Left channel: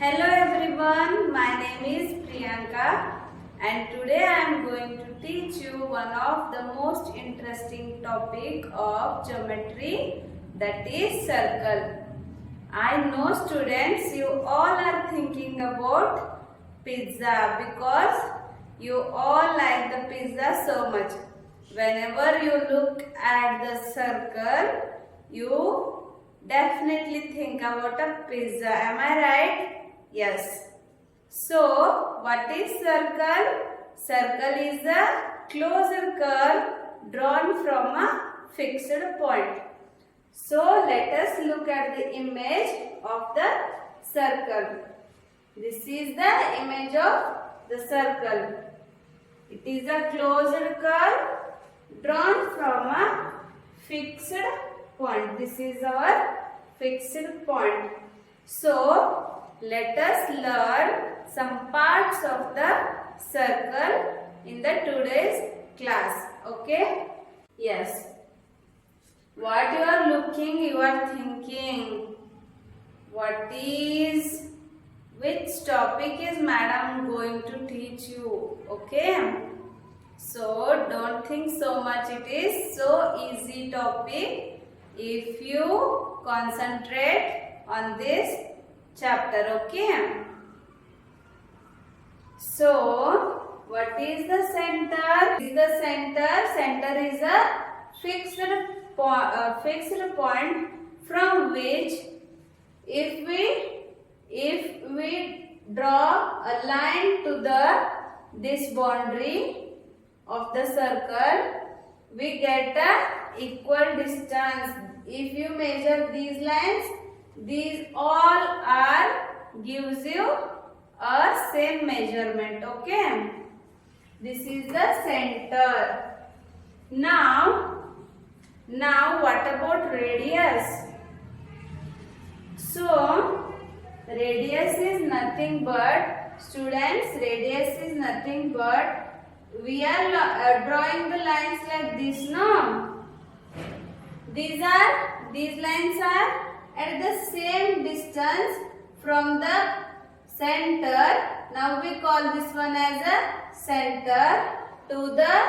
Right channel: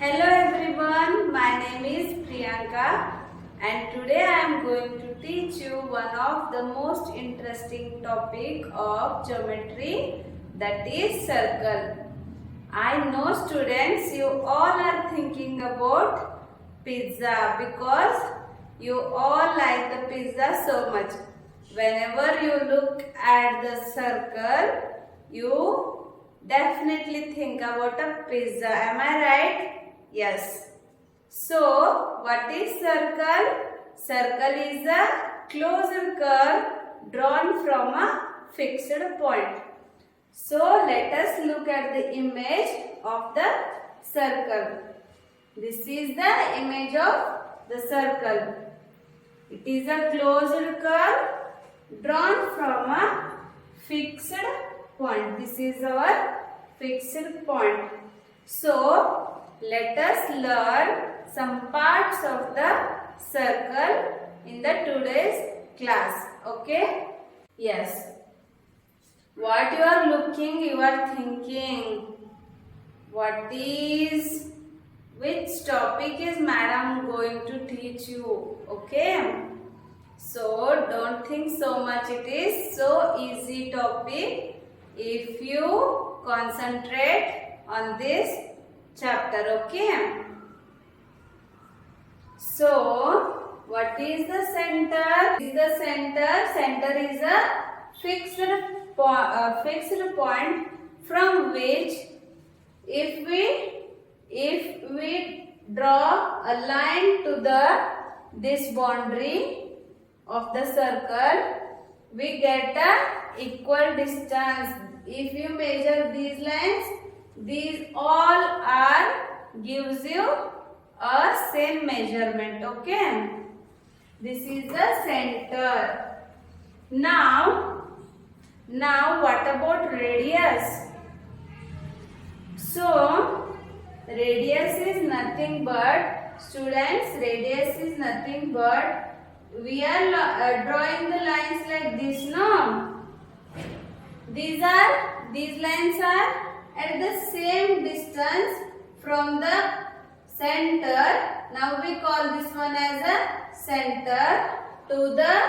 Hello everyone, my name is Priyanka and today I am going to teach you one of the most interesting topic of geometry, that is circle. I know students, you all are thinking about pizza because you all like the pizza so much. Whenever you look at the circle, you definitely think about a pizza. Am I right? Yes. So, what is circle? Circle is a closed curve drawn from a fixed point. So, let us look at the image of the circle. This is the image of the circle. It is a closed curve drawn from a fixed point. This is our fixed point. So, let us learn some parts of the circle in the today's class. Okay? Yes. What you are looking, you are thinking. Which topic is madam going to teach you? Okay? So, don't think so much. It is so easy topic if you concentrate on this chapter. Okay? So, what is the center? This is the center. Center is a fixed point from which if we draw a line to this boundary of the circle, we get a equal distance. If you measure these lines, these all gives you a same measurement. Okay? This is the center. Now what about radius? So, radius is nothing but, students, radius is nothing but, we are drawing the lines like this, no? These lines are at the same distance from the center. Now we call this one as a center to the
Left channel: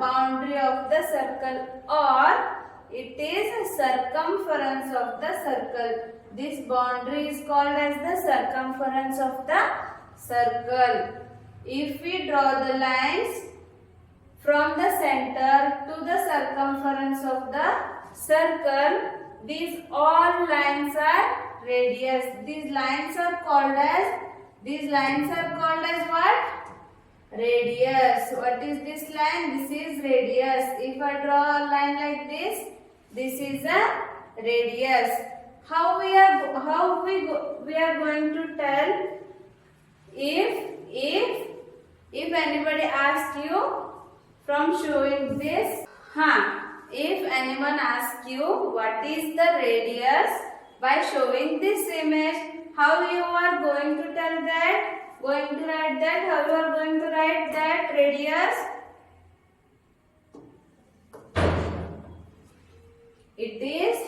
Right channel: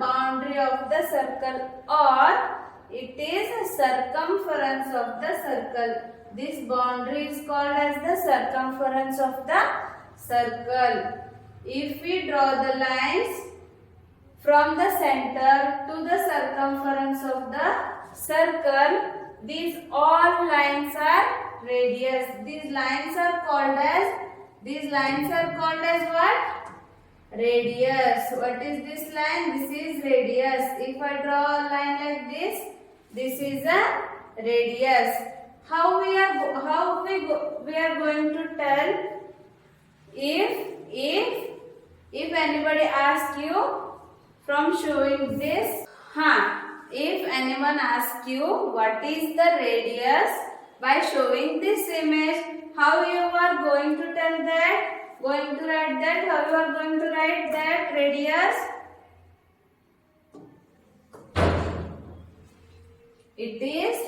boundary of the circle, or it is a circumference of the circle. This boundary is called as the circumference of the circle. If we draw the lines from the center to the circumference of the circle, these all lines are radius. These lines are called as what? Radius. What is this line? This is radius. If I draw a line like this is a radius. How we are going to tell if anybody asks you from showing this? If anyone asks you what is the radius by showing this image, how you are going to tell that? Going to write that? How you are going to write that radius? It is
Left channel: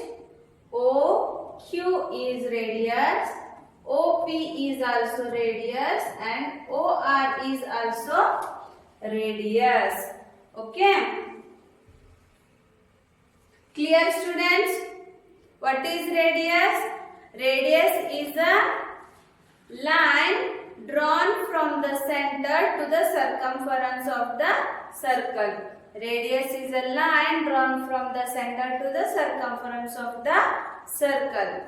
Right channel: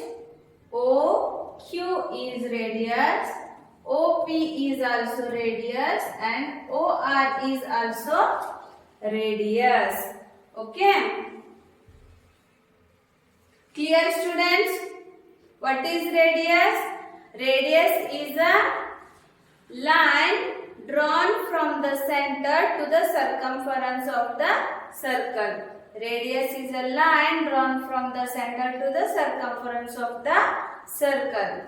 OQ is radius, OP is also radius, and OR is also radius. Okay? Clear, students? What is radius? Radius is a line drawn from the center to the circumference of the circle. Radius is a line drawn from the center to the circumference of the circle.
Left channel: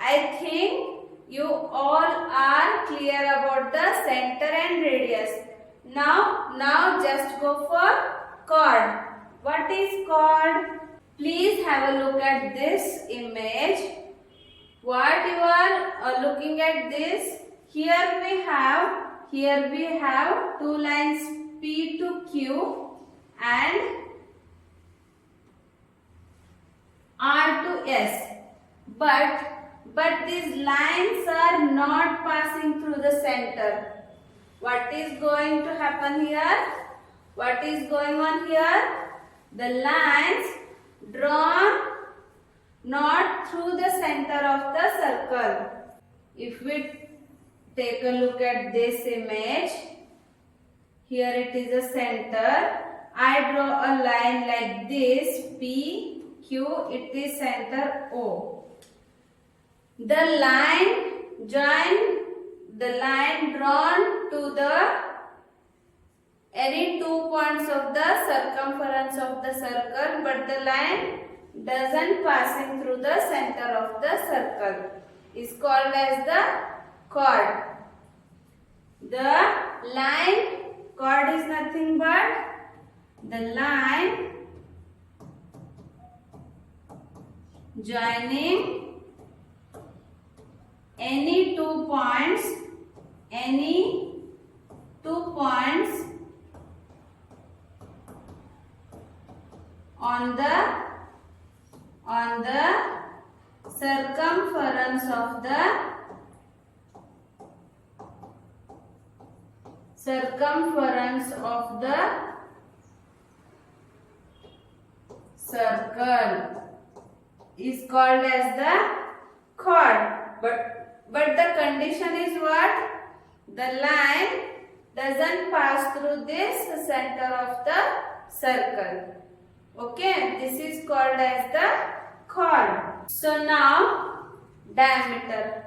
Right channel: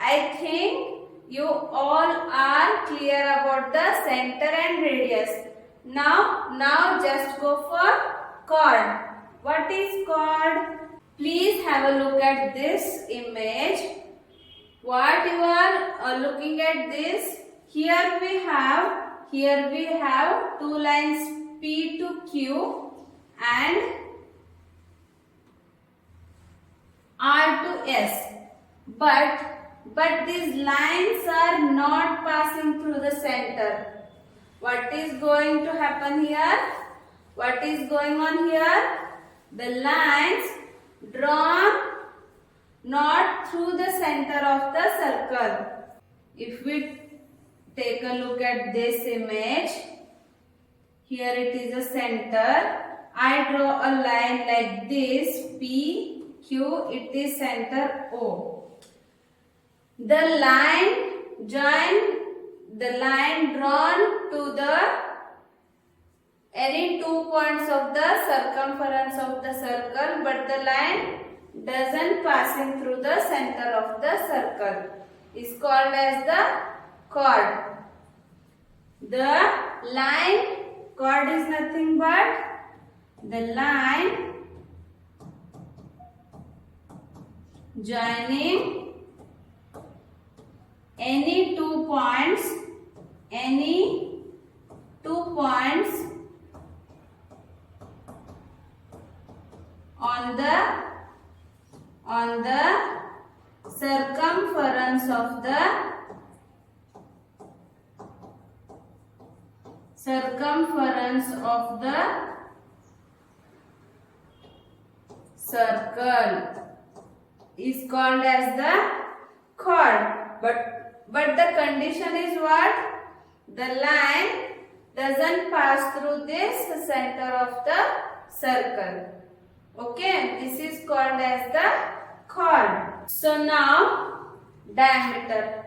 I think you all are clear about the center and radius. Now just go for chord. What is chord? Please have a look at this image. What you are looking at this? Here we have two lines P to Q and R to S. But these lines are not passing through the center. What is going to happen here? What is going on here? The lines drawn not through the center of the circle. if we take a look at this image, here it is a center. I draw a line like this, P, Q, it is center O. The line drawn to the any 2 points of the circumference of the circle, but the line doesn't passing through the center of the circle is called as the chord. The line, chord is nothing but the line joining any 2 points on the circumference of the circle is called as the chord. But the condition is what? The line doesn't pass through this center of the circle. Okay, this is called as the chord. So now diameter.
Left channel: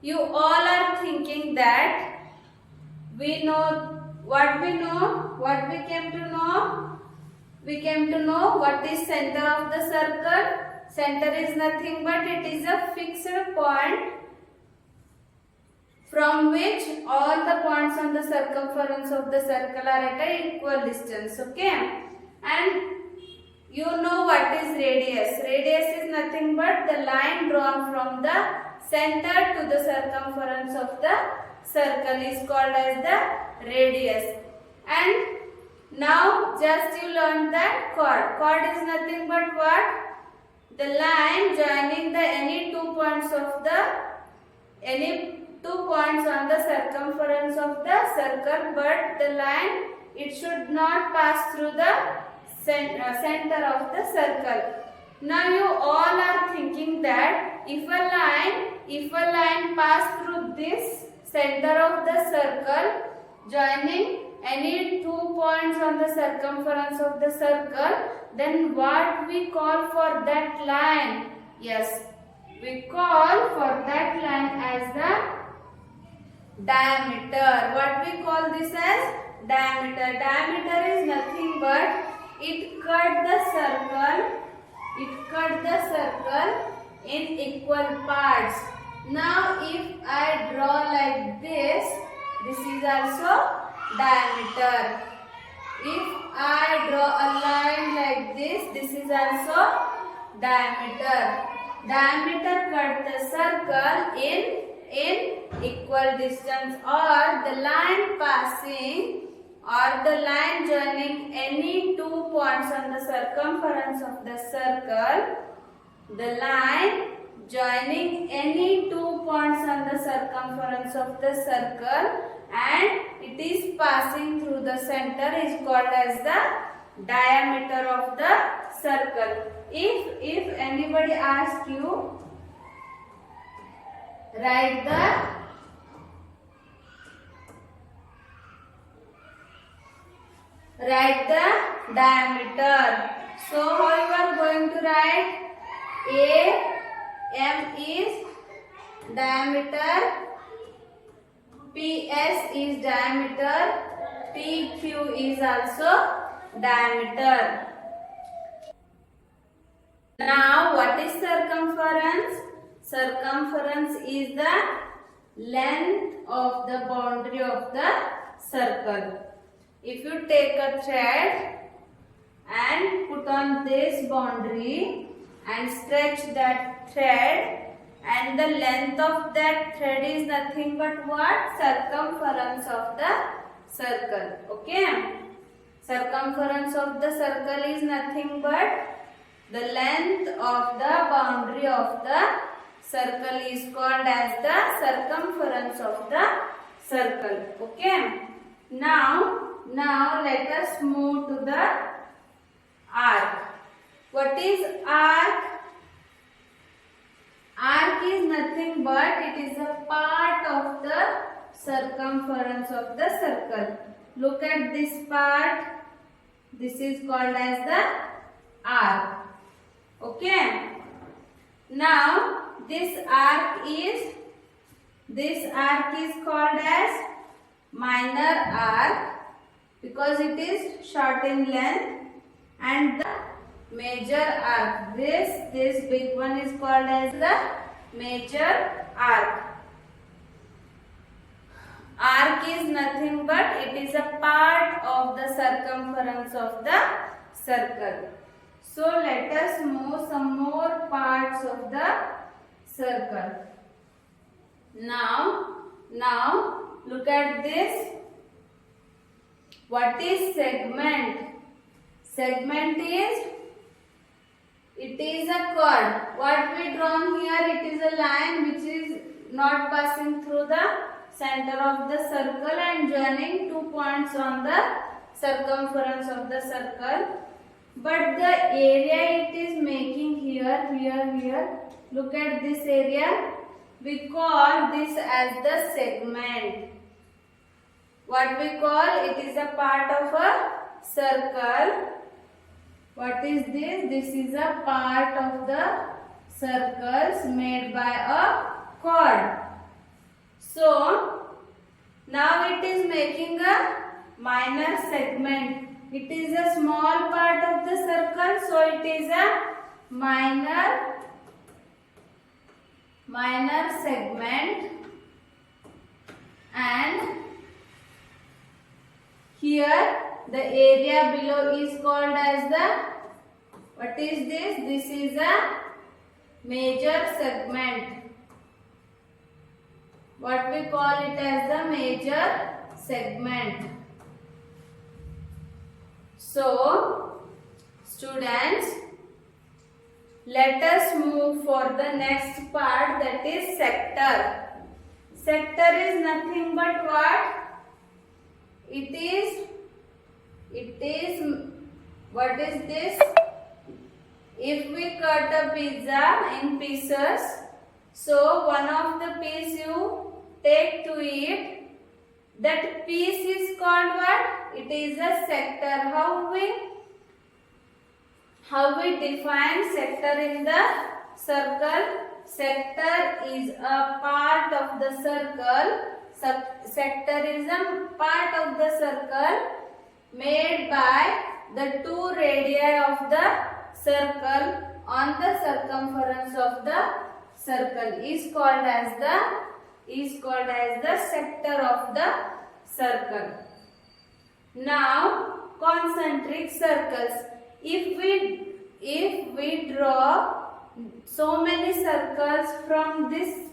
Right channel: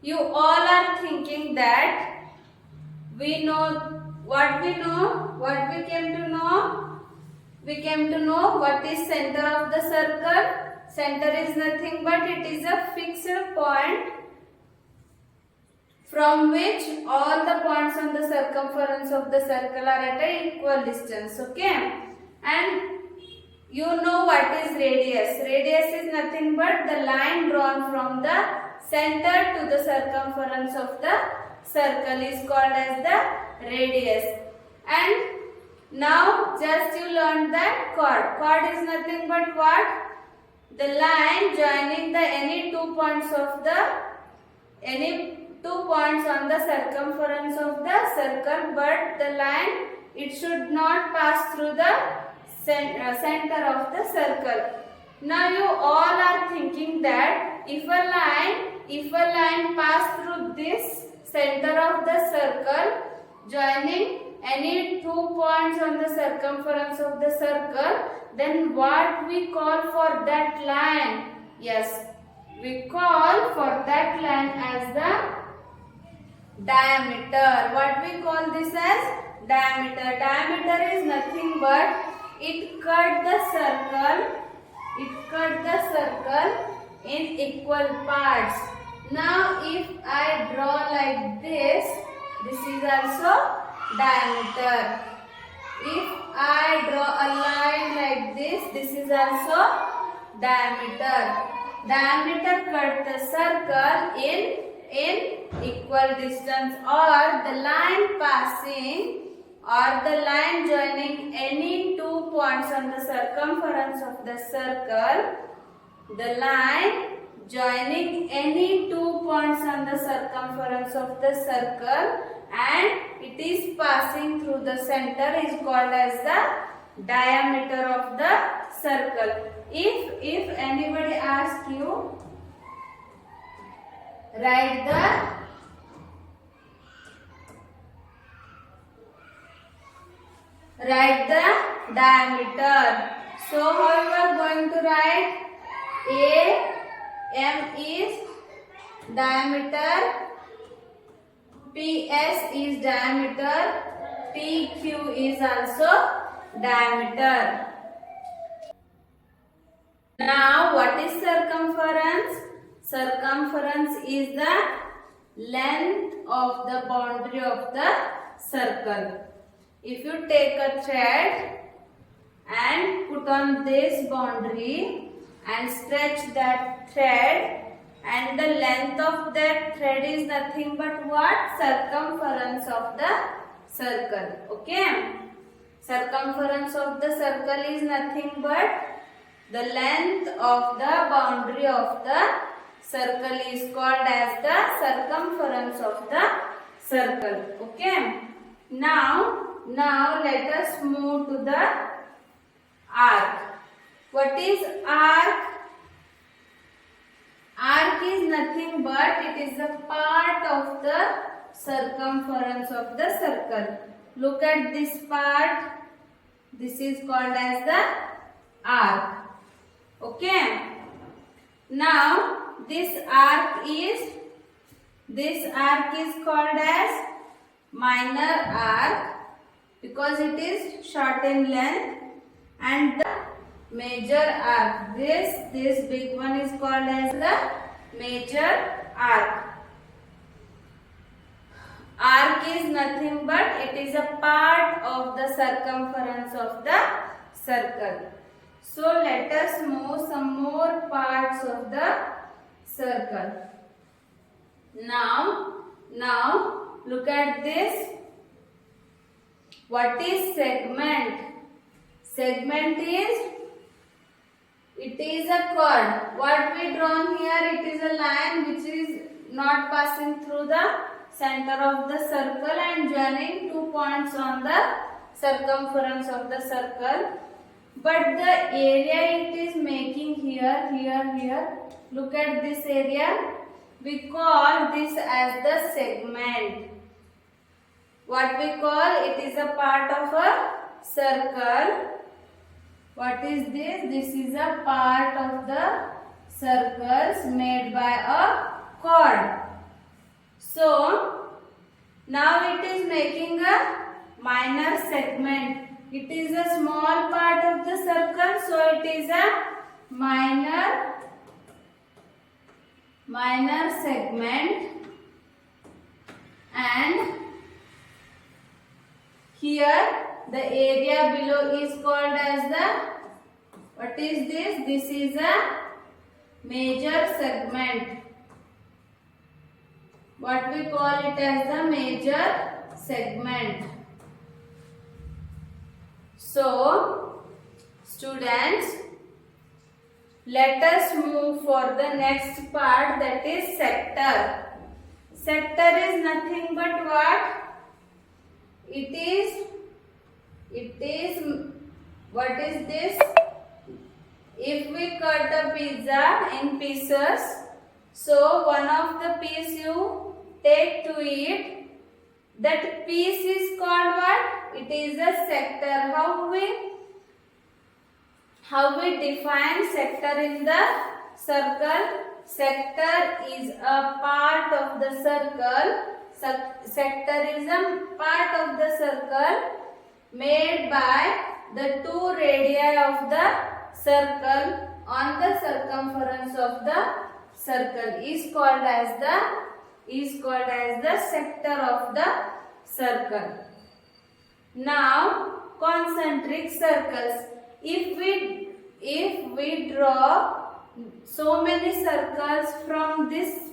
You all are thinking that we know what we know, what we came to know. We came to know what is center of the circle. Center is nothing but it is a fixed point from which all the points on the circumference of the circle are at an equal distance. Okay, and you know what is radius. Radius is nothing but the line drawn from the center to the circumference of the circle is called as the radius. And now just you learned that chord. Chord is nothing but what? The line joining the any 2 points on the circumference of the circle, but the line, it should not pass through the center of the circle. Now you all are thinking that if a line pass through this center of the circle joining any 2 points on the circumference of the circle, then what we call for that line? Yes, we call for that line as the diameter. What we call this as? Diameter. Diameter is nothing but it cut the circle in equal parts. Now if I draw like this is also diameter. If I draw a line like this is also diameter. Diameter cut the circle in equal distance, or the line passing or the line joining any 2 points on the circumference of the circle. The line joining any 2 points on the circumference of the circle and it is passing through the center is called as the diameter of the circle. If anybody asks you, write the diameter. So how you are going to write? AM is diameter, PS is diameter, PQ is also diameter. Now what is circumference? Circumference is the length of the boundary of the circle. If you take a thread and put on this boundary and stretch that thread, and the length of that thread is nothing but what? Circumference of the circle. Okay, circumference of the circle is nothing but the length of the boundary of the circle is called as the circumference of the circle. Okay, now let us move to the arc. What is arc? Arc is nothing but it is a part of the circumference of the circle. Look at this part. This is called as the arc. Okay. Now this arc is called as minor arc because it is short in length, and the major arc, this big one, is called as the major arc. Arc is nothing but it is a part of the circumference of the circle. So let us move some more parts of the circle. Now look at this. What is segment? Segment is, it is a chord. What we drawn here, it is a line which is not passing through the center of the circle and joining 2 points on the circumference of the circle. But the area it is making here, look at this area. We call this as the segment. What we call, it is a part of a circle. What is this? This is a part of the circles made by a chord. So now it is making a minor segment. It is a small part of the circle, so it is a minor segment. And here the area below is called as the, what is this? This is a major segment. What we call it as the major segment. So students, let us move for the next part, that is sector. Sector is nothing but what? It is, what is this? If we cut a pizza in pieces, so one of the piece you take to eat, that piece is called what? It is a sector. How we define sector in the circle? Sector is a part of the circle. Sector is a part of the circle made by the 2 radii of the circle on the circumference of the circle is called as the sector of the circle. Now concentric circles. If we draw so many circles from this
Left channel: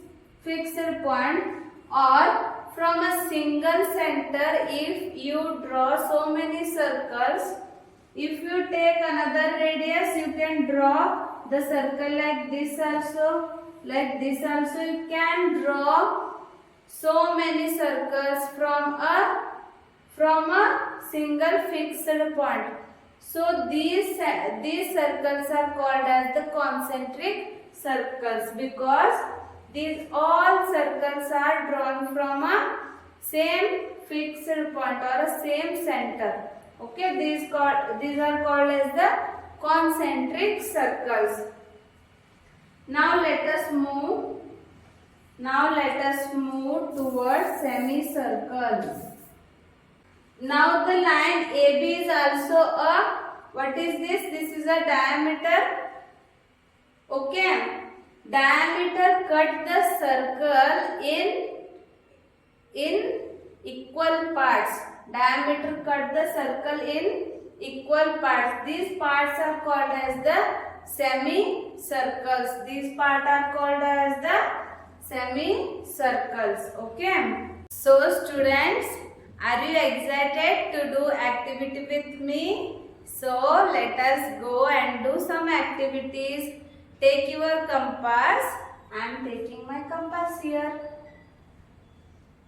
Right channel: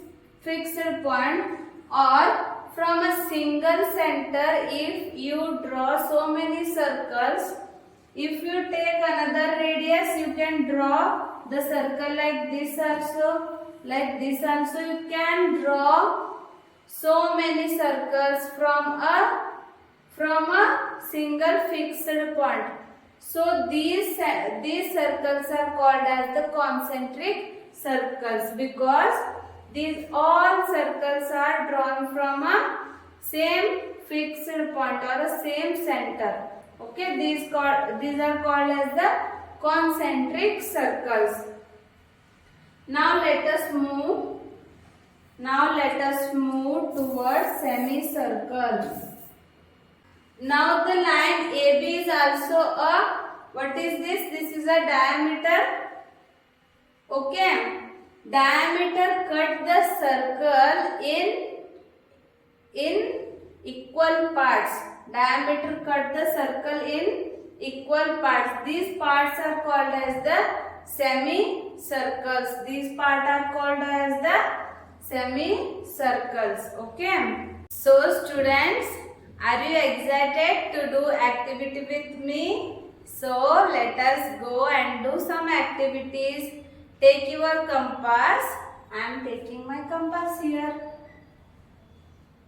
fixed point, or from a single center, if you draw so many circles, if you take another radius, you can draw the circle like this also, you can draw so many circles from a single fixed point. So these circles are called as the concentric circles because these all circles are drawn from a same fixed point or a same center. Okay, these are called as the concentric circles. Now let us move towards semicircles. Now the line AB is also a, what is this? This is a diameter. Okay. Diameter cut the circle in equal parts. Diameter cut the circle in equal parts. These parts are called as the semicircles. These parts are called as the semicircles. Okay. So students, are you excited to do activity with me? So let us go and do some activities. Take your compass. I am taking my compass here.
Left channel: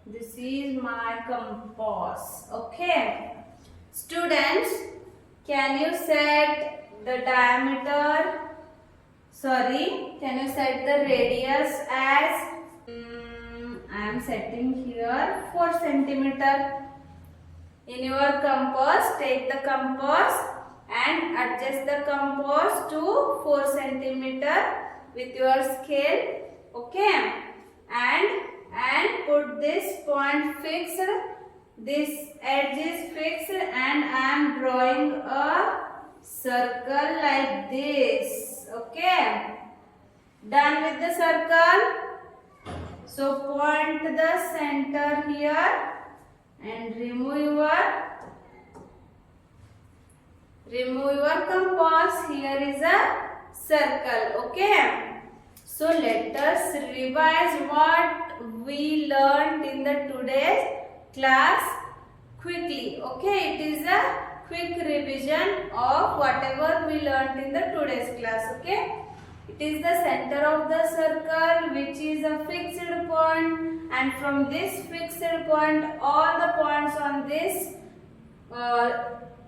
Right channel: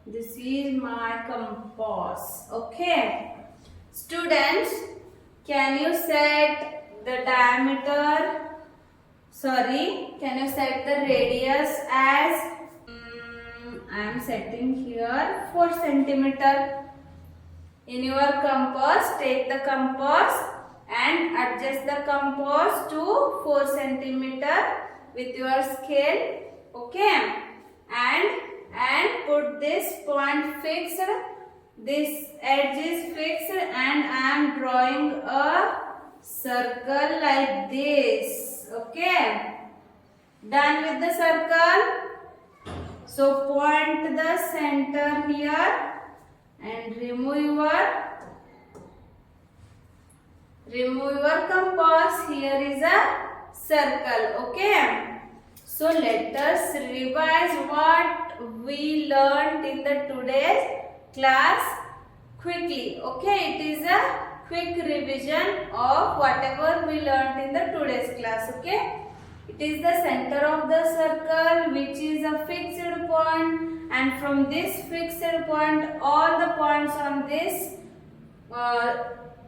This is my compass. Okay. Students, can you set the diameter Sorry, can you set the radius as I am setting here 4 centimeter. In your compass, take the compass and adjust the compass to 4 centimeter with your scale. Okay, and put this point fixed. This edge is fixed, and I am drawing a circle like this. Okay, done with the circle. So point the center here and remove your compass. Here is a circle. Okay, so let us revise what we learned in the today's class quickly. Okay, it is a quick revision of whatever we learned in the today's class. Okay, it is the center of the circle which is a fixed point, and from this fixed point all the points on this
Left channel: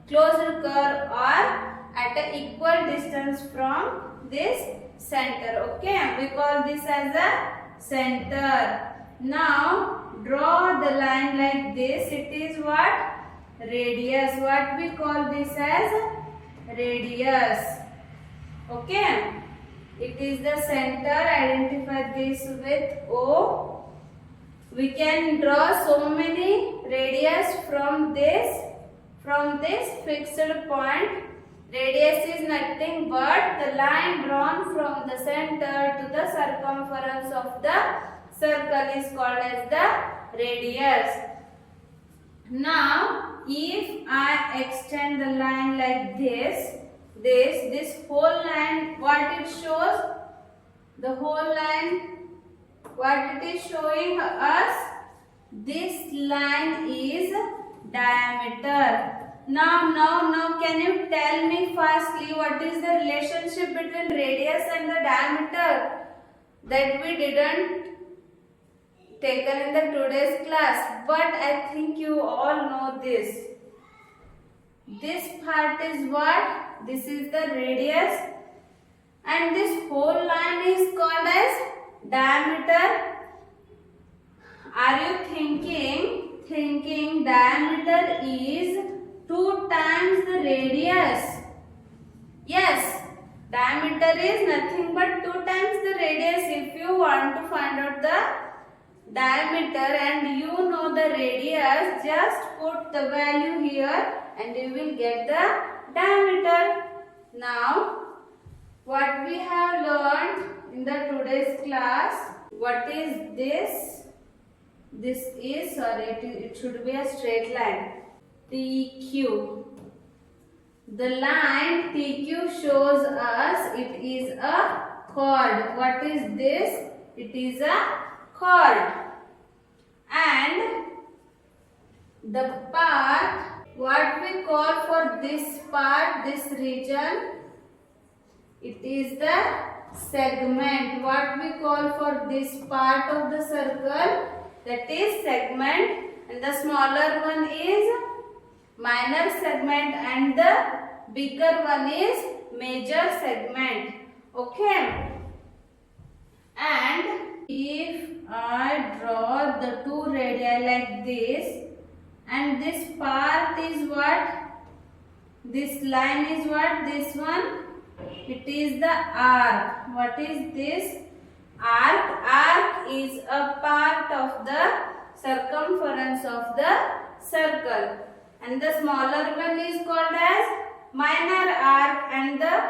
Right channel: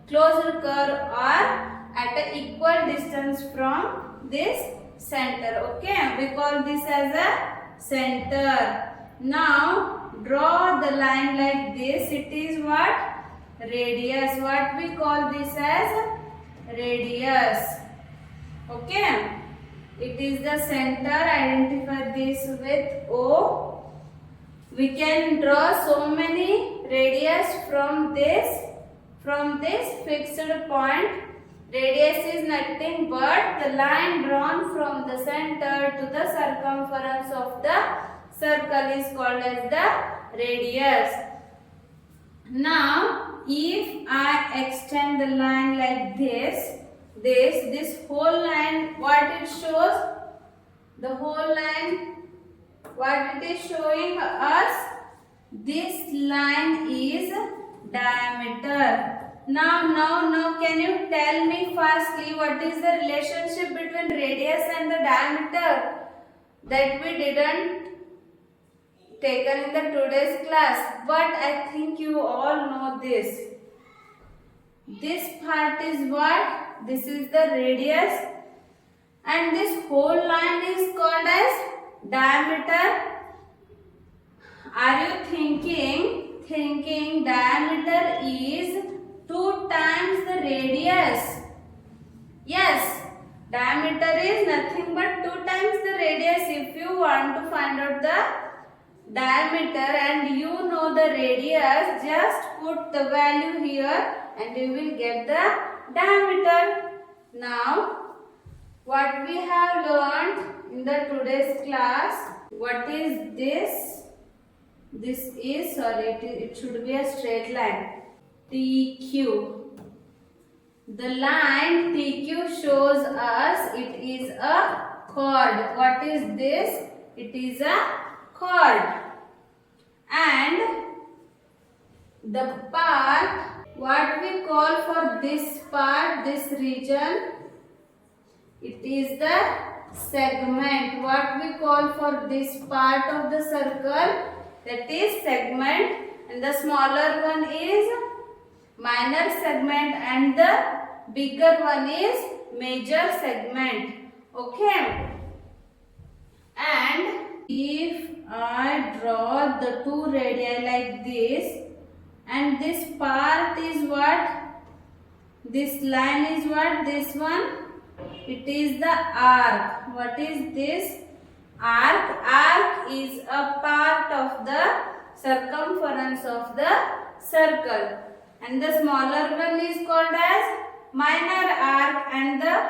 closed curve are at an equal distance from this center. Okay, we call this as a center. Now draw the line like this. It is what? Radius. What we call this as? Radius. Okay, it is the center. Identify this with O. We can draw so many radius from this fixed point. Radius is nothing but the line drawn from the center to the circumference of the circle is called as the radius. Now, if I extend the line like this whole line, what it shows? The whole line, what it is showing us? This line is diameter. Now, can you tell me firstly what is the relationship between radius and the diameter that we didn't taken in the today's class, but I think you all know this. This part is what? This is the radius, and this whole line is called as diameter. Are you thinking diameter is 2 times the radius? Yes, diameter is nothing but 2 times the radius. If you want to find out the diameter and you know the radius, just put the value here and you will get the diameter. Now, what we have learned in the today's class, what is this? This is, it should be a straight line. TQ. The line TQ shows us it is a chord. What is this? It is a chord. And the part, what we call for this part, this region, it is the segment. What we call for this part of the circle, that is segment, and the smaller one is minor segment and the bigger one is major segment. Okay, and if I draw the 2 radii like this, and this part is what? This line is what? This one? It is the arc. What is this? Arc. Arc is a part of the circumference of the circle, and the smaller one is called as minor arc and the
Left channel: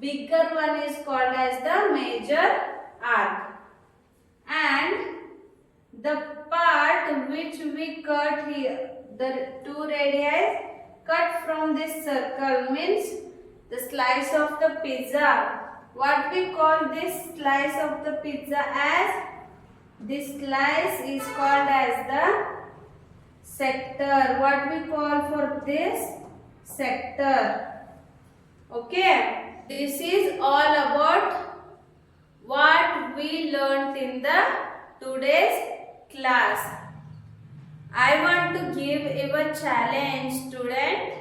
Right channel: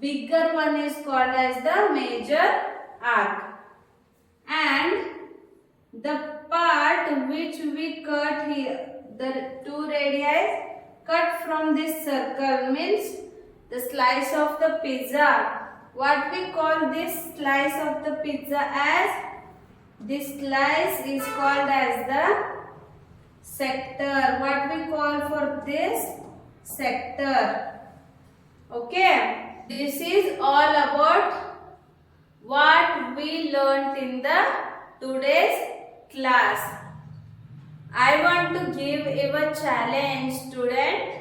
bigger one is called as the major arc. And the part which we cut here, the 2 radii cut from this circle, means the slice of the pizza. What we call this slice of the pizza as? This slice is called as the sector. What we call for this? Sector. Okay, this is all about what we learnt in the today's class. I want to give you a challenge, students.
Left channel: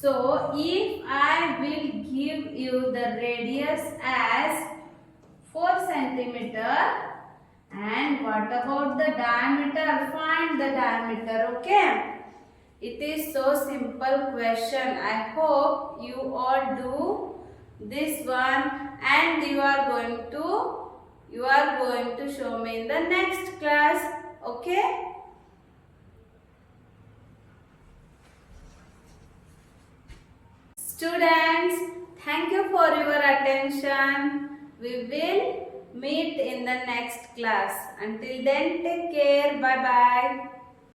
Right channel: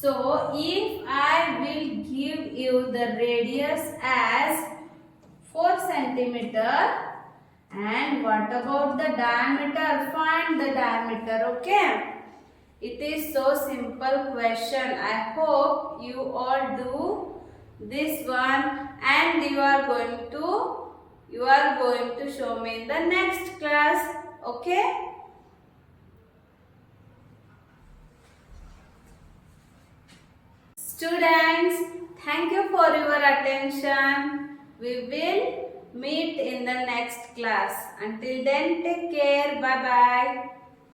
So if I will give you the radius as 4 centimeter, and what about the diameter? Find the diameter, okay? It is so simple question. I hope you all do this one, and you are going to show me in the next class, okay? Students, thank you for your attention. We will meet in the next class. Until then, take care. Bye bye.